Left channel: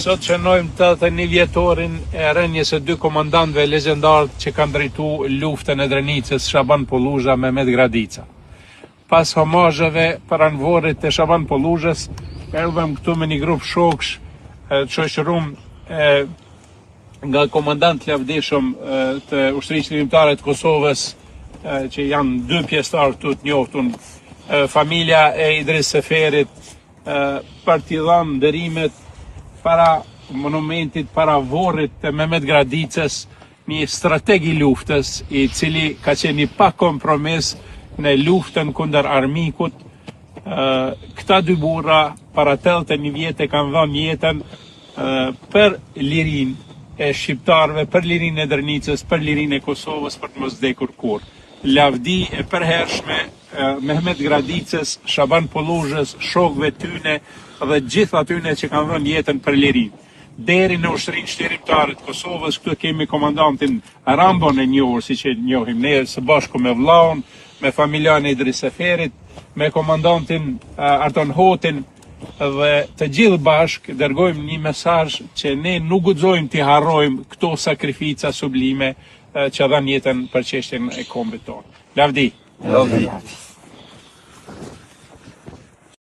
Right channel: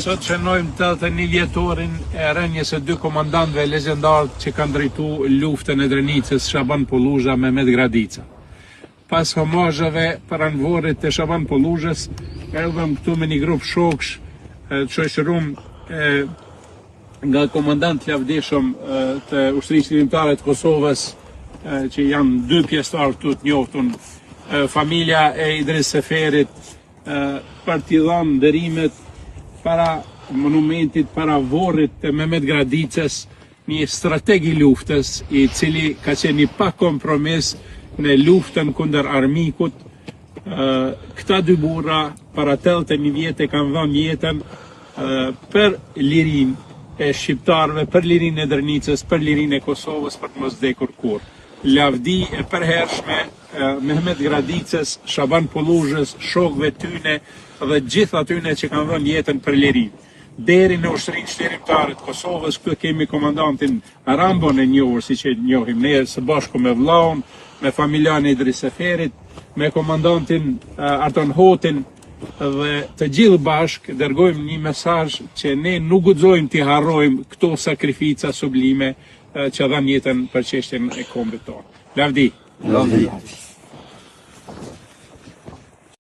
Sot shënojmë 81 vjetorin e rënjes së dy komandantëve legjendar që kanë drejtuar luftën e Drenicës, Shaban Polluzha me Mehmet Gradica. Pas homazheve paranvorit të Shaban Polluzhës, erdhëm këtu me një grup shoksh të shoqëruar nga komandant lavdishëm të ushtrisë ligjore të Kosovës, që janë dy pjesëtar këtu të njohur, familja e Idris Seferit, partizan ndërimet para monumentit, para vorrit të Mehmet Gradicës, një strateg i luftës, i cili ka qenë pa kompromis në luftën kundër armikut. Këta dy burra para 81 vjetë kanë dhënë jetën për lirinë e shqiptarëve, për lirinë e Drenicës, për lirinë e Kosovës, për të mos vdekur kurrë. Lavdi e përhershme Mehmet Gradicës, Shaban Polluzhës, shokëve tyne dhe gjithë atyne që kanë dhënë jetën për lirinë. Deri në ushtrinë shterimtare të Kosovës, këtu kemi komandantin Rambon e njohur, siç e njohim ne, së bashku me vllaun, me familjan e Idris Seferit, me komandantin Arton Hotin, dhe të gjithë bashk dërgojmë një mesazh që ne nuk guxojmë t'i harrojmë këto sakrifica sublime që dhanë jetën për çështjen e kombit tonë. Lavdi.